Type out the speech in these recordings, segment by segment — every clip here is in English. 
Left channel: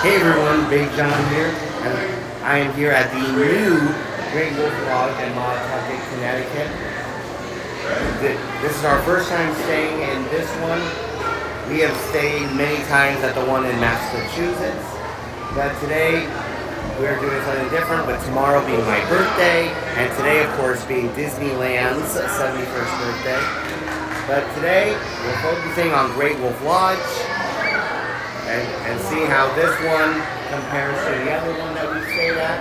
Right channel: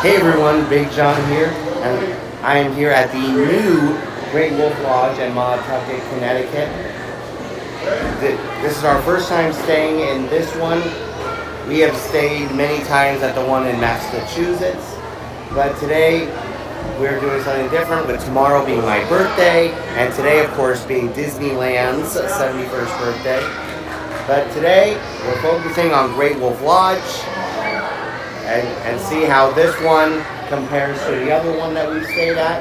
Hey everyone, Big John here, and I am here at the new Great Wolf Lodge in Montauk, Connecticut. This is our first time staying in this one. We have stayed many times at the one in Massachusetts, but today we're doing something different, with tomorrow being my birthday, and today, of course, being Disneyland's 71st birthday. But today, we're focusing on Great Wolf Lodge, and see how this one compares to the other one that we've stayed at.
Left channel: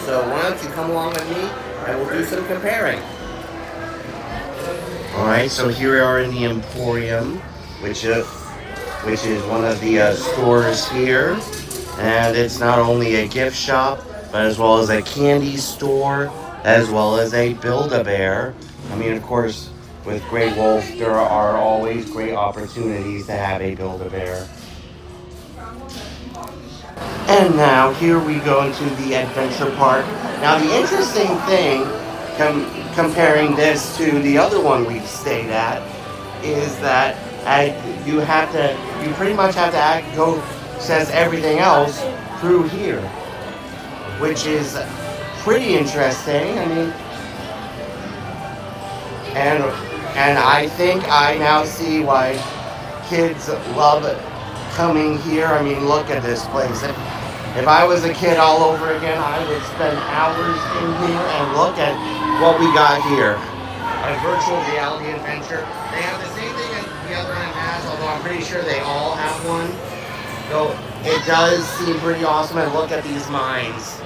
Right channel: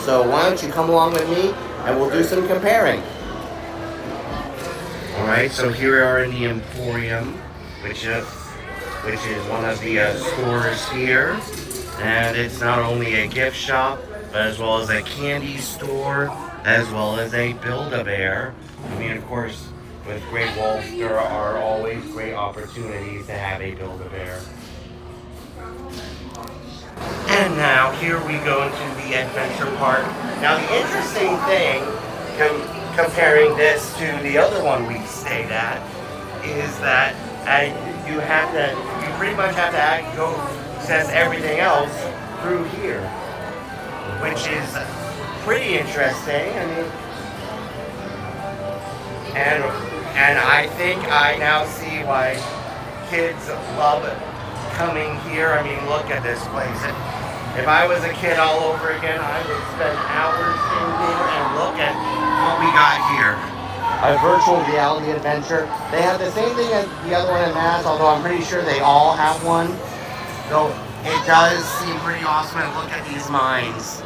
So why don't you come along with me and we'll do some comparing. Alright, so here we are in the Emporium, which is one of the stores here. And it's not only a gift shop, but as well as a candy store, as well as a Build-A-Bear. I mean, of course, with Great Wolf, there are always great opportunities to have a Build-A-Bear. And now, here we go to the adventure park. Now, the interesting thing, comparing this to the other one we stayed at, is that you pretty much have to go, says everything else, through here, which is pretty interesting. And I think I now see why kids love coming here. I mean, look at this place. If I was a kid all over again, I would spend hours in here and look at what we got here. A virtual reality adventure. They have the same thing as the other one in Mass, although I'm pretty sure they all have one. Though it does seem pretty awesome, and look at these mines.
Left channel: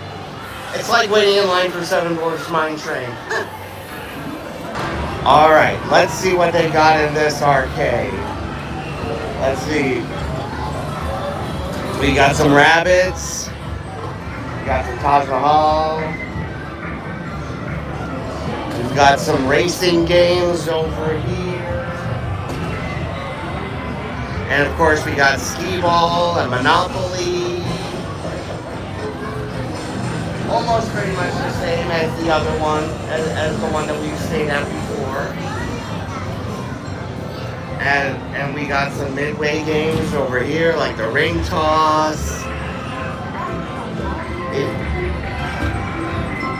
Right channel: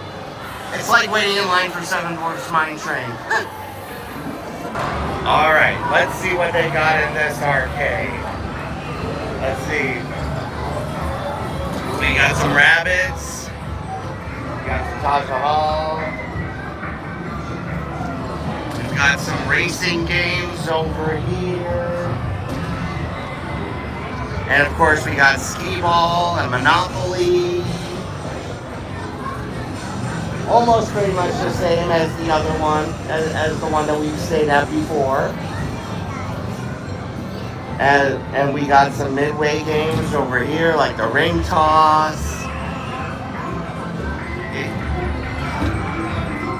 It's like waiting in line for Seven Dwarfs Mine Train. Alright, let's see what they got in this arcade. Let's see. We got some rabbits. We got some Taj Mahal. We've got some racing games over here. And of course we got skee ball and Monopoly. Almost pretty much the same as the other one, as the one that we've stayed at before. And we got some midway games over here, like the ring toss.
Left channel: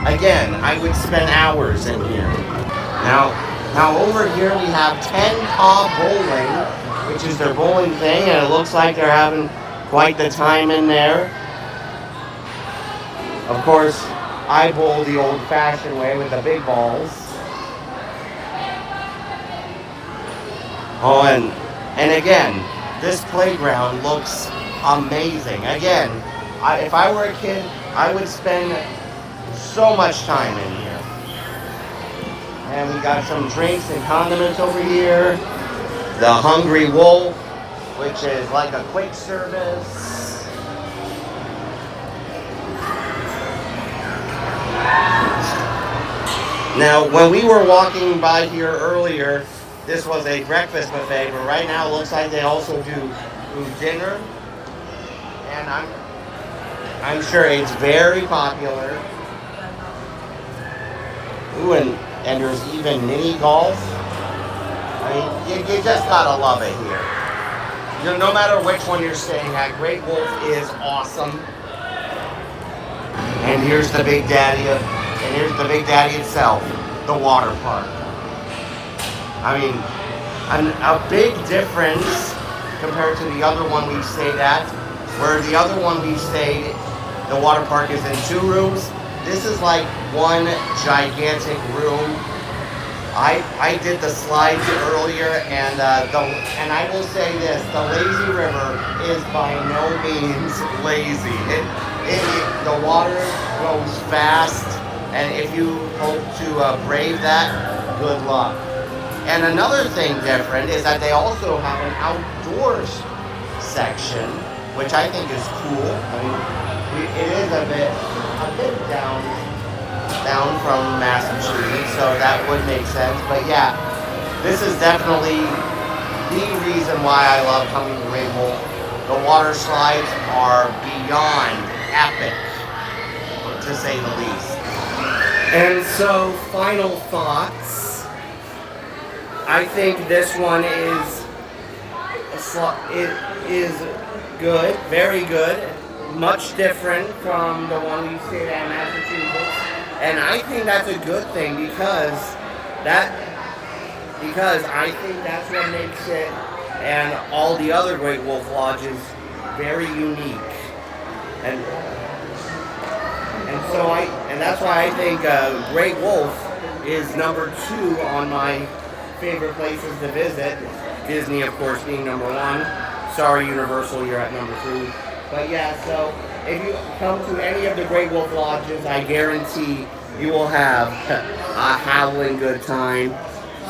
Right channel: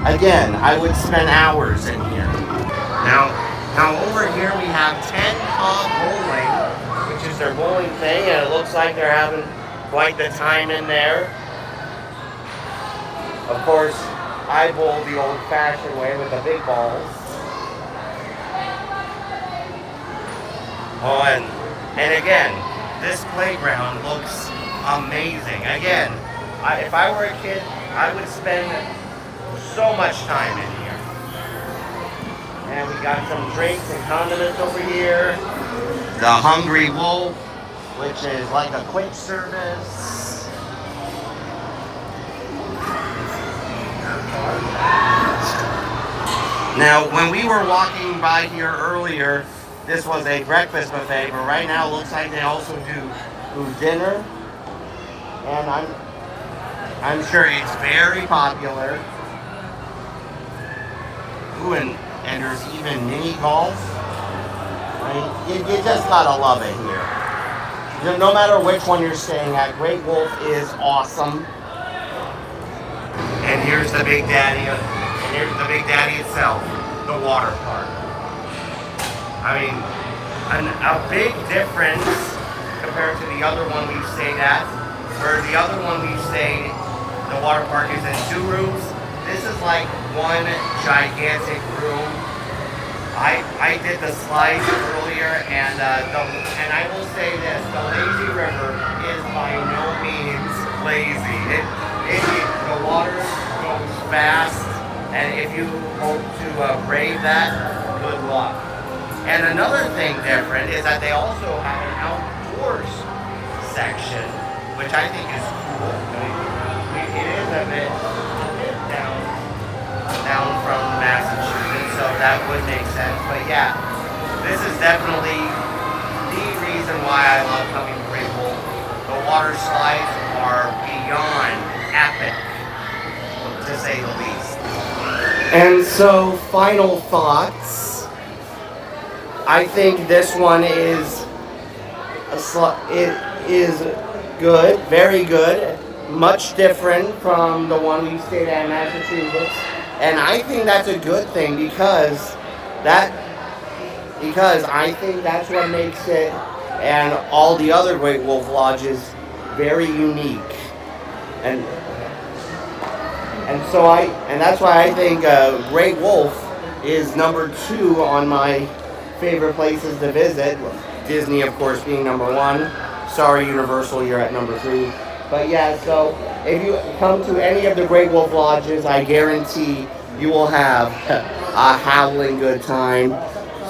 Again, I would spend hours in here. Now over here we have 10 Cob Bowling, which is their bowling thing, and it looks like they're having quite the time in there. Of course, I bowl the old-fashioned way with the big balls. Oh, and again, this playground looks amazing. Again, if I were a kid, I would spend so much time in here. And we got some drinks and condiments over here. The Hungry Wolf, which is like a quick service. Now, when we were walking by here earlier, this was a breakfast buffet, but right now it looks like they also do dinner. And I'm sure it's very popular. Ooh, and there's even mini golf. I mean, you just gotta love it here. No matter which one you're staying at, Great Wolf is awesome. And here's the Big Daddy. Here's the Big Daddy itself, the water park. I mean, a big difference compared to the other one we stayed at, where the other one we stayed, the water park is in 2 rooms. This is like one gigantic room. I did the slides earlier, and I will say this: the lazy river is by no means lazy. The water goes fast, and if you hope to brave that, good luck. And another thing different is that they also have an outdoors section, which I think is cool. I mean, it is a bit down from Massachusetts, so that would make sense. But yeah, this is definitely the reason why I love coming to Great Wolf. The water slides are beyond epic, to say the least. And so, final thoughts. I think this one is good, very good. much different from the one we stayed at in Massachusetts. And I think that's a good thing because I think that's what makes it and all the other Great Wolf Lodges very unique. And that's why I think Great Wolf is number 2 on my favorite places to visit. Disney, of course, being number 1. Sorry, Universal, you're at number 3. But yeah, so if you come to any of the Great Wolf Lodges, I guarantee you will have a howling good time.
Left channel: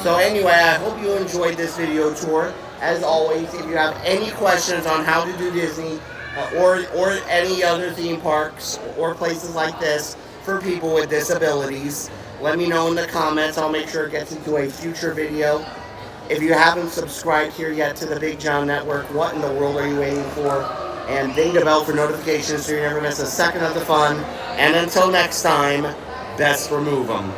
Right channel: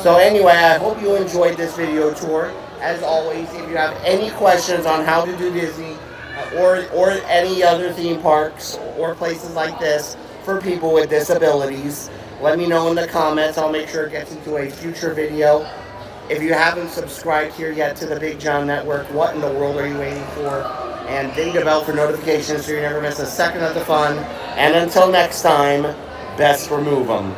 So anyway, I hope you enjoyed this video tour. As always, if you have any questions on how to do Disney or any other theme parks or places like this for people with disabilities, let me know in the comments. I'll make sure it gets into a future video. If you haven't subscribed here yet to the Big John Network, what in the world are you waiting for? And ding the bell for notifications so you never miss a second of the fun. And until next time, best remove them.